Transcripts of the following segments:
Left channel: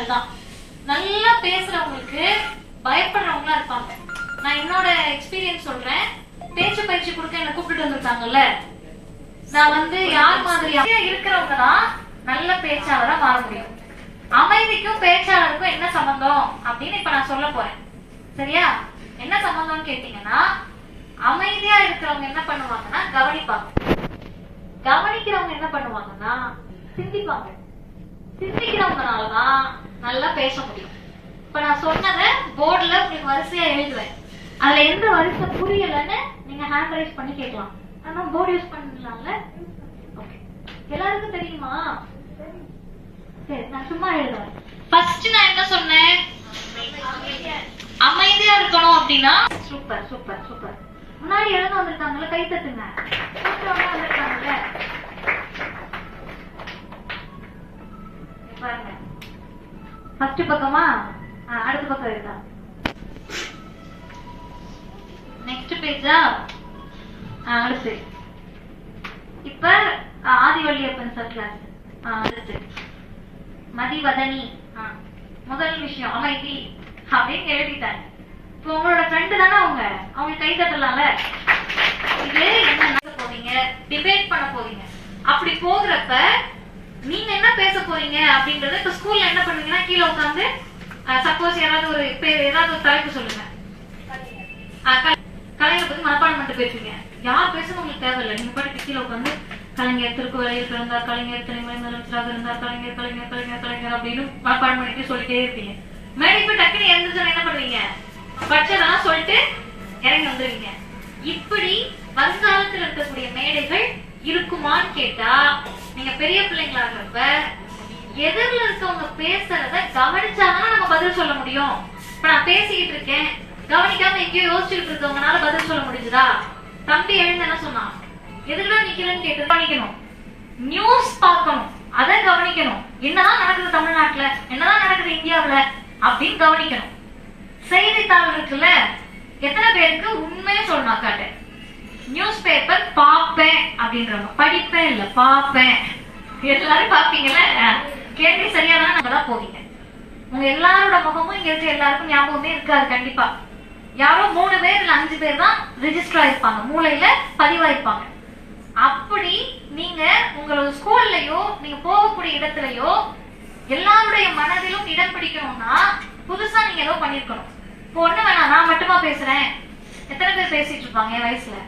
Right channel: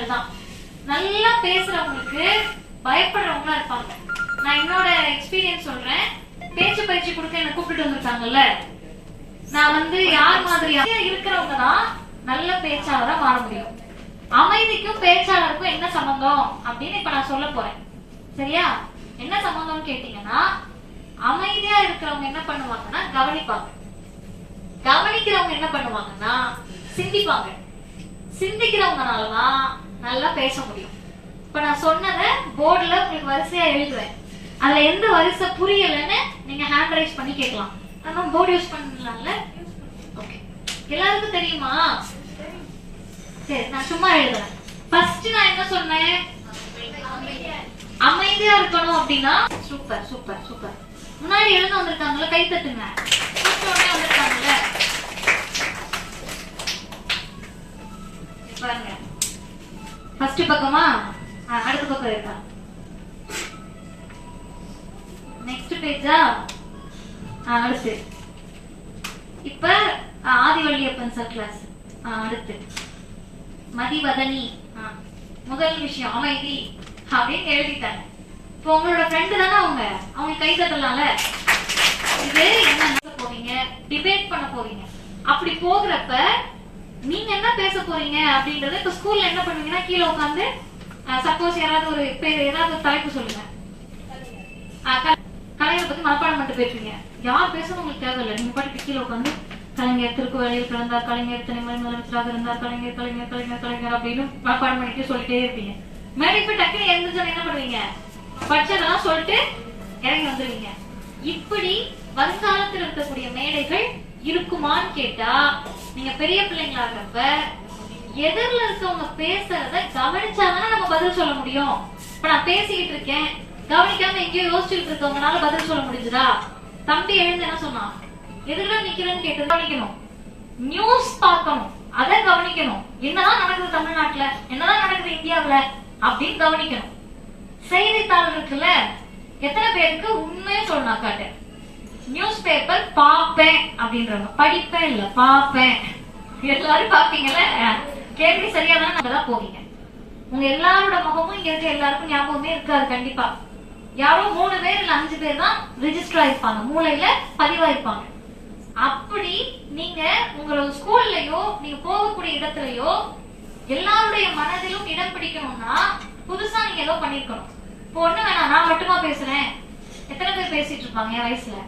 விஷயங்கள் தான். நல்லா பேசுறவங்களுக்கு பயப்படுறவங்களா இருப்பாங்க. நான் என்னோட எக்ஸ்பீரியன்ஸ் சொல்றேன். பேச்சு பயிற்சி கொடுக்க என்ன கூப்பிட்டு வந்திருக்காங்கல்ல, நான் யார் மாதிரியா இருக்கிறவங்க தான் நல்ல பேச்சாளரா மாற முடியும். அமைதிக்கும் பேச்சாளருக்கும் என்ன சம்பந்தம் அப்படின்னு இப்ப நான் சொல்ல போறேன். சரியா? என்ன சம்பந்தம்னு கேட்டீங்கன்னா, அமைதியா இருக்கிறவங்க என்ன பண்ணுவாங்கன்னா கவனிப்பாங்க. கவனிக்கிறவங்க என்ன பண்ணுவாங்கன்னா சிந்திப்பாங்க. சிந்திக்கிறவங்கனாலதான் நல்லா பேச முடியும். இப்ப நான் சொன்னதை போர்டுல உங்களுக்கு வரிசையா எழுதுவேன். அதுல எந்த வரிசை புரியலன்னு நீங்க ஹேண்ட் ரைஸ் பண்ணி கேட்கலாம். நம்ம போர்டு யூஸ் பண்ணலாம்ல? ஓகே, எல்லாருக்கும் தெரியுமா? சரி, நான் சும்மா எழுதுறேன். ஃபர்ஸ்ட் நான் என்ன சொன்னேன்? அமைதியா இருக்கணும் அப்படின்னா சூப்பர் சூப்பர் சூப்பர். முன்னாடி எழுந்து வந்திருக்காங்கல்ல, கை தட்டுங்க. வந்திருக்காங்கல்ல, ஃபர்ஸ்ட் பக்கமா? அடுத்த பக்கம் இருக்கா? நெக்ஸ்ட் பேஜா? அடுத்து இப்ப ஆதிவள்ளியப்பன் சார் கிளாஸ். அடுத்து மதிவதனி. முதல் விஷயம் அமைதி அப்படின்னு எழுதிட்டாங்க. இப்போ உங்களோட ஃப்ரெண்டு தானே அவங்க கை தட்டலாம்ல. இது என்ன போவீங்க? டிபேட் பண்ண போவீங்க. அப்படி போகிறப்ப நீங்க என்ன பேச போறீங்க அப்படிங்கறத இப்ப ஸ்கூல்ல என்ன பண்ணுவீங்கன்னா கீழே உட்காந்து சப்போஸ் ஏதாவது ஒரு தலைப்பு சொல்லுங்க. கலைஞரை பத்தி மனப்பாடம் பண்ணிட்டு பேசுவீங்க. யார் பேசணும் உங்களுக்கு தேவையில்லை. நீங்க பாட்டுக்கு கீழே உட்காந்து கலைஞர் திருக்கு வேலையில் கிடந்தார், கலைஞர் துணை முதலமைச்சராக இருந்தார், கலைஞர் கலைஞர் கலைஞர் கலைஞர் அப்படின்னு மனப்பாடம் பண்ணிட்டு சொல்லிட்டே இருப்பீங்க. மேடைக்கு போய் டக்குன்னு எழுந்துச்சு என்ன பண்ணுவீங்க? பட்சதெல்லாம் சொல்லிட்டு இறங்கி வந்துருவீங்க. இப்படி வருங்காலத்தில் இருக்கக்கூடிய மேடைகள் இருக்குமான்னு கேட்டா, நீங்க பெரிய பிள்ளைங்களா இருக்கப்ப எதிரில் இருக்கவங்க பேசுறத கவனிச்சாங்கன்னா நம்ம பதில் சொல்ல முடியும். இப்ப நான் பேசிக்கிட்டு இருக்கேன், கவனிக்காம எங்கேயோ யோசிச்சுட்டு இருக்கவங்கனால பதில் சொல்ல முடிஞ்சுதா? தம்பி எழுந்து என்ன சொன்னான்? எதுலாம் நிக்கலன்னு கேட்டு கவனிக்கணும். நியூஸ் பார்க்கணும், அதை கவனிக்கணும். என்னதான் நடக்குது தமிழ்நாட்டுல, என்னதான் நடக்குது இந்தியாவுல அப்படின்னு கவனிக்கணும். செய்தித்தாள் இருக்குல்ல, எத்தனை பேருக்கு உண்மையை சொல்லணும் காட்டு? நியூஸ் பேப்பர் பாப்பேன் அப்படின்றவங்க, படிப்பேன் இல்ல பாப்பேன். எல்லாரும் பாப்பீங்கல்ல. கேள்வி சரியாதான் நம்ம தான் போவீங்க. உங்க எல்லாரோட முகமும் இங்க இருக்க எல்லாருக்கும் ஞாபகமே இருக்காது கண்டிப்பா. யாரோ 3 பேர் இல்ல 5 பேர் தான் ரெஜிஸ்டர் ஆயிருப்பாங்க, மூளையில பதிவாயிருப்பாங்க. அப்படி நீங்க உங்களோட ஸ்கூல்லயோ நீங்க போகக்கூடிய இடத்துலயோ எல்லாருடைய மனதிலும் இடம் பிடிக்கணும்னா புதுசா நீங்க ஏதோ பண்ணிருக்கணும். இப்போ ஒண்ணு வேணாம், நான் மட்டுமா பேசுறேன். எத்தனை பேர் பேசிட்டு இருப்பாங்க என் வயசுல?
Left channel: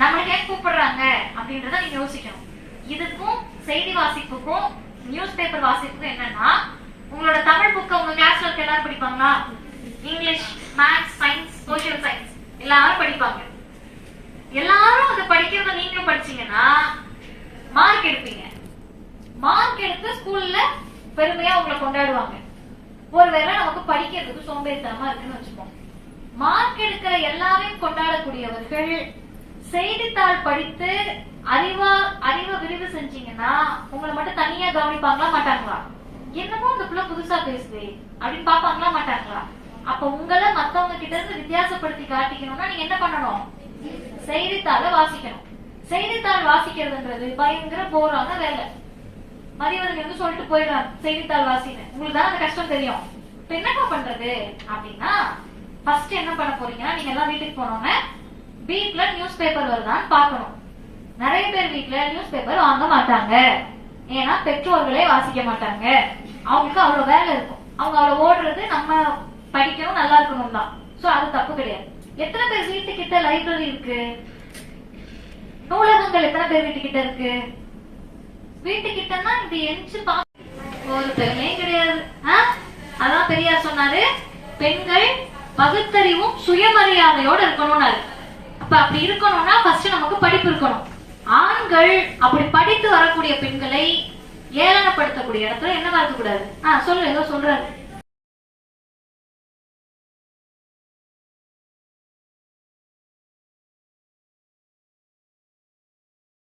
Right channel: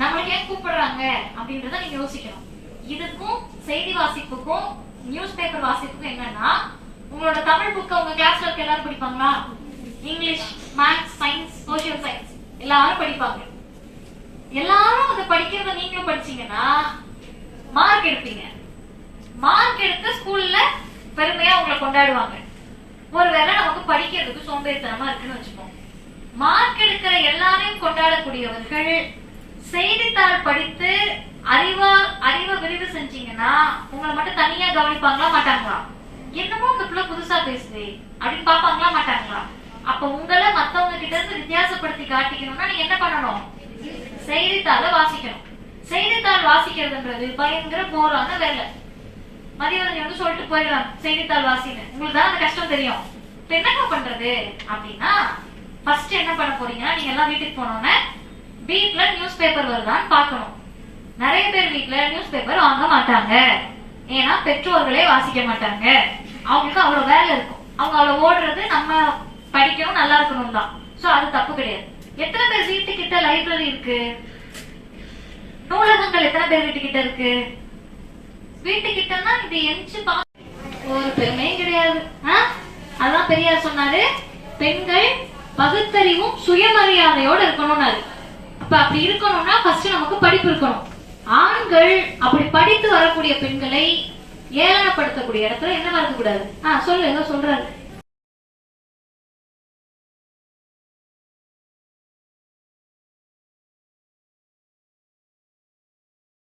நம்மளுக்கு ஏன் கூப்பிடுறாங்க அப்படின்றத நீங்க யோசிக்கணும். இதுக்கும் செய்தி வாசிப்புக்கும் நியூஸ் பேப்பர் வாசிப்புக்கும் என்னன்னா, உங்களோட தமிழ் புக்க உங்க கிளாஸ்ல இருக்க எல்லாரும் படிப்பாங்களா? English, maths, science, social science எல்லாரும் படிப்பாங்க. எல்லாரும் அதை படிக்கிறத நீங்களும் படிச்சீங்கன்னா மார்க் எடுப்பீங்க. மார்க் எடுத்து ஸ்கூல்ல பெருமையா உங்களை கொண்டாடுவாங்க. ஒருவேளை நமக்கு படிக்கிறதுக்கு சோம்பேறித்தனமா இருக்குன்னு வச்சுப்போம். மார்க் எடுக்கிற எல்லாரையும் கொண்டாடக்கூடியவர்கள் செய்தித்தாள் படித்து அறிவை விரிவு செஞ்சீங்கன்னா உங்களை மட்டும் தனியா கவனிப்பாங்களா மாட்டாங்களா? என்னமோ இந்த பிள்ளை புதுசா பேசுது அப்படின்னு பாப்பாங்களா மாட்டாங்களா? அப்ப உங்களை மத்தவங்க கிட்ட இருந்து வித்தியாசப்படுத்தி காட்டிக்கணும்னா நீங்க என்ன பண்ணணும்? செய்தித்தாளை வாசிக்கணும். செய்தித்தாள் வாசிக்கிறதுன்றது பயங்கர போரான வேலை. மதியம் சொல்லிட்டு போயிடலாம் செய்தித்தாள் வாசின்னு. உங்களுக்கு தான் அந்த கஷ்டம் தெரியும். இப்ப என்ன பண்றது அப்படின்னா, ஃபர்ஸ்ட் என்ன பண்ண போறீங்கன்னா, நீங்க எல்லாம் வீட்டுக்கு போனோன்னு வீட்டுல நியூஸ் பேப்பர் வருதான்னு பாக்கணும். நிறைய பேர் வீட்டுல நியூஸ் பேப்பர் வாங்க மாட்டாங்க. ஏன்னா பெற்றோர்களே வாசிக்க மாட்டாங்க. அவங்களுக்கு அவ்வளவு வேலை இருக்கும். அவங்க அவ்வளவு ஓடுறது நம்ம படிக்கணும் நல்லா இருக்கணும் தான். சோ அது தப்பு கிடையாது. எத்தனை பேர் வீட்டுக்கிட்ட லைப்ரரி இருக்கு? நூலகங்கள் எத்தனை பேர் வீட்டுக்கிட்ட இருக்கு? வீட்டுக்கிட்டன்னா இது எஞ்சி ஒரு பெண்ணே கிடையாது. அதான் பெரியார் சொன்னாரு, பெண்கள் பகுத்தறிவும் சுயமரியாதையோடு இருக்கணும்னாரு. அப்ப அப்படி இருக்கணும்னா ஃபர்ஸ்ட் நமக்கு படிப்பு இருக்கணும். ஆண்கள் அப்படி படித்து வரக்கூடிய பெண்களை ஏளனப்படுத்தக்கூடிய இடத்துல என்ன நடக்க கூடாது. சொல்லு, ஏதோ சொல்றாரு.